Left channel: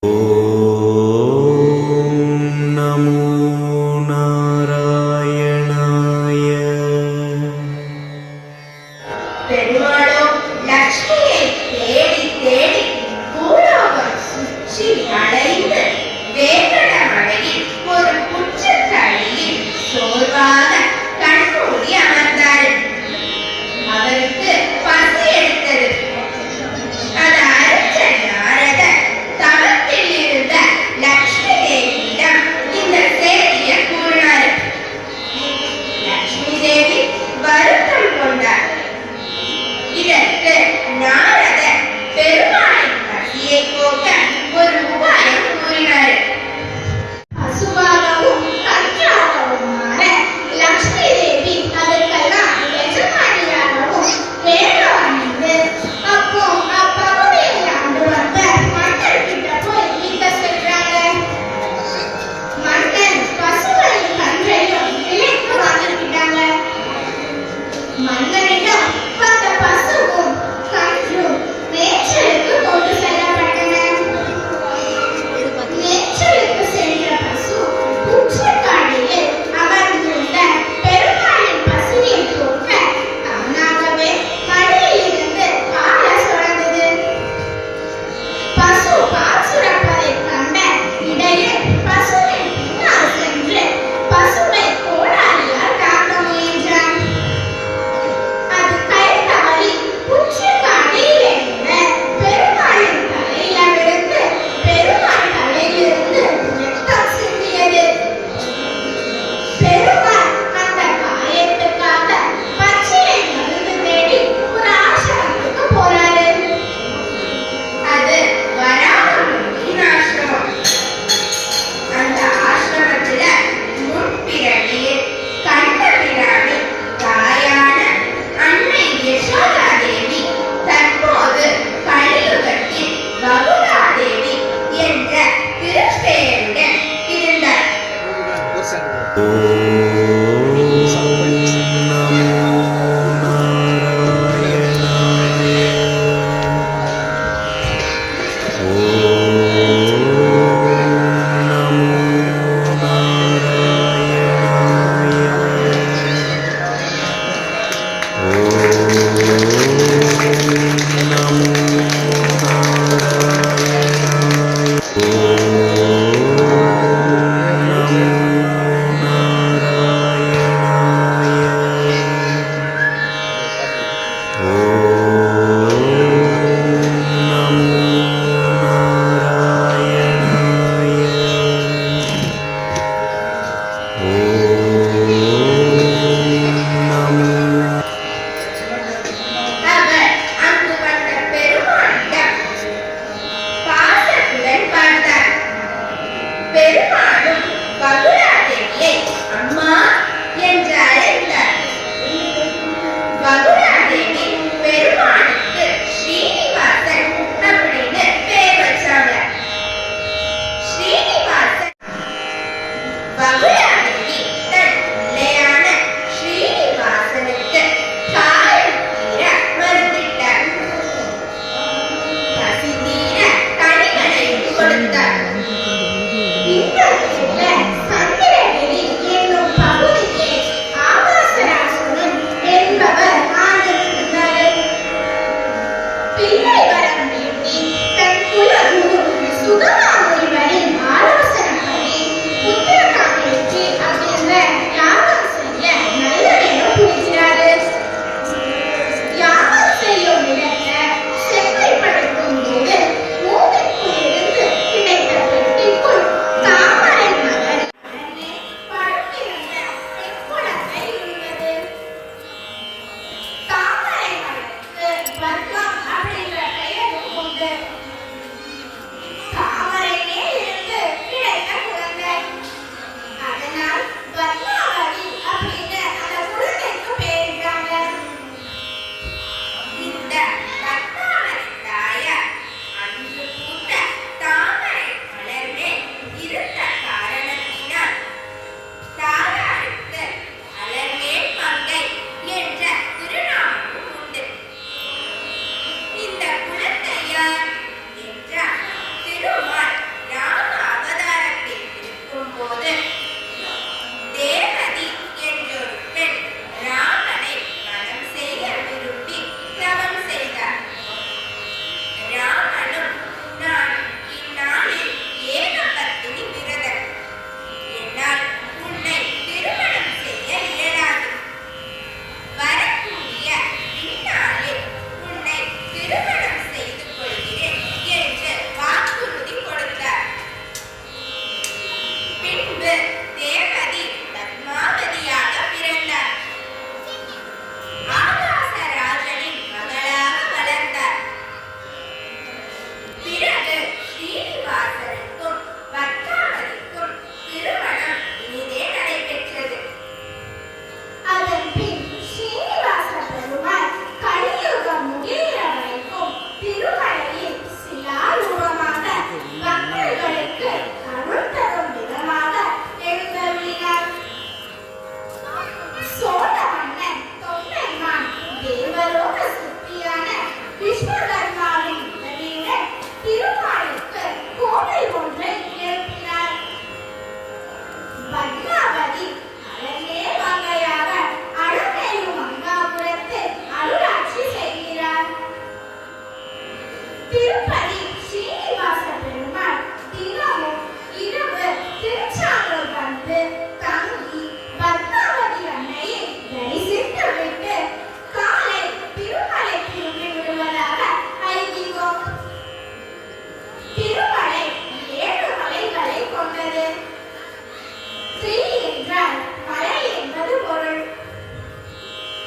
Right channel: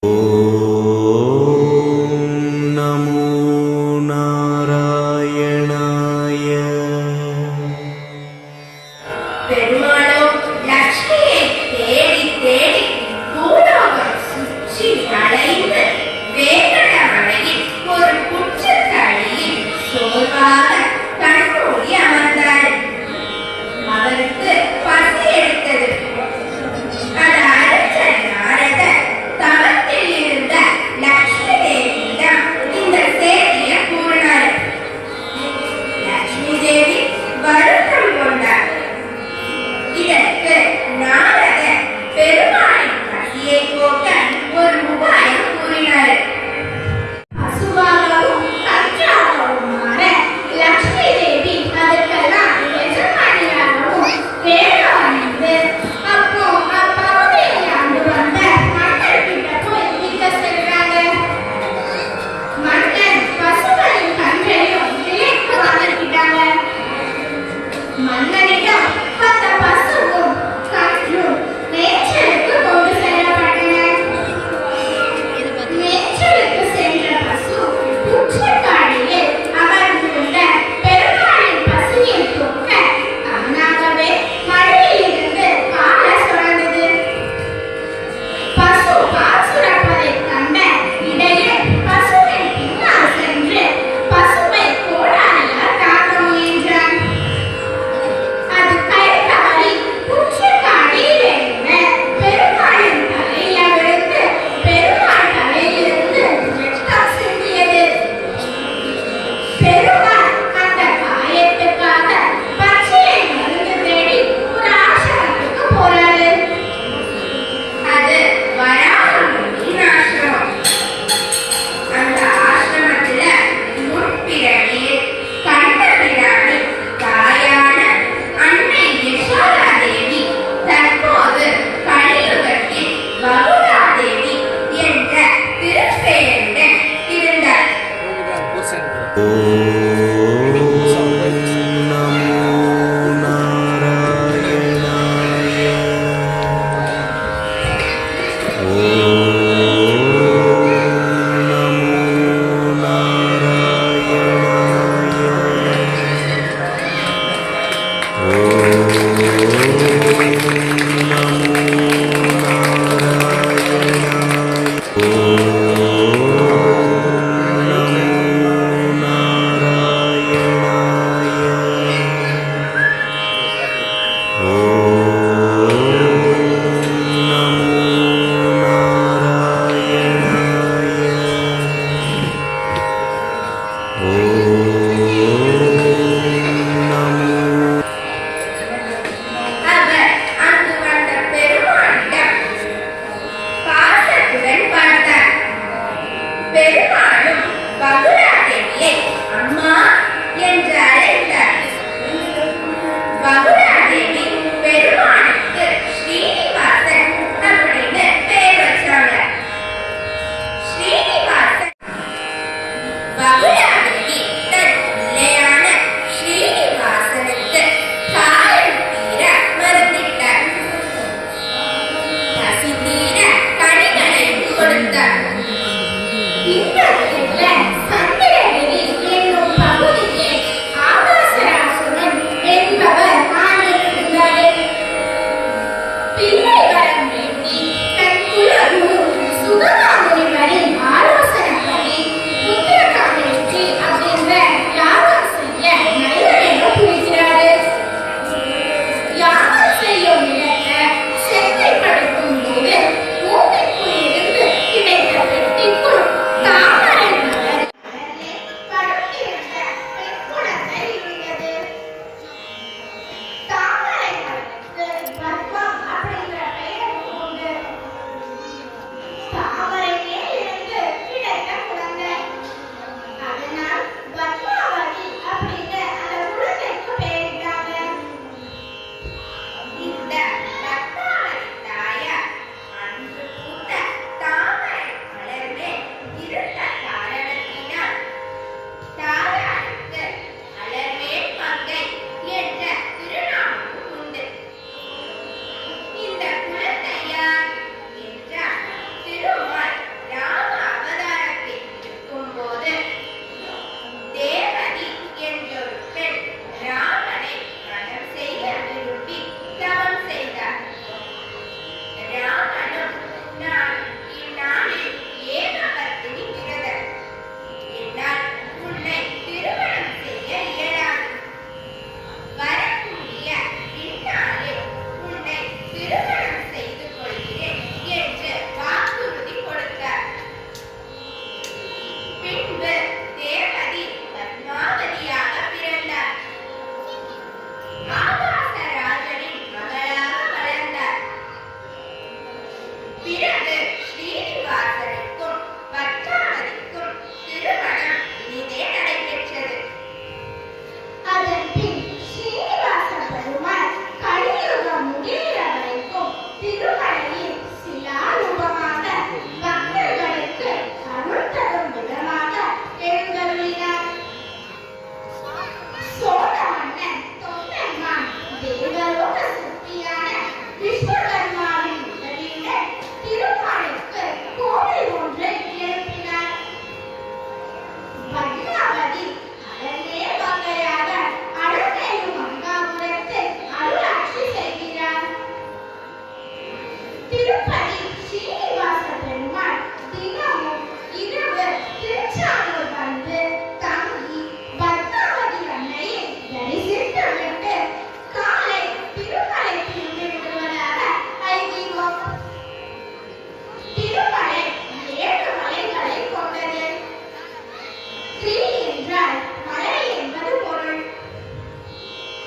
Oh. Wake up! Oh.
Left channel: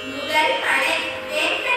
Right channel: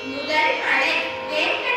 முதல் மலை வெண்கல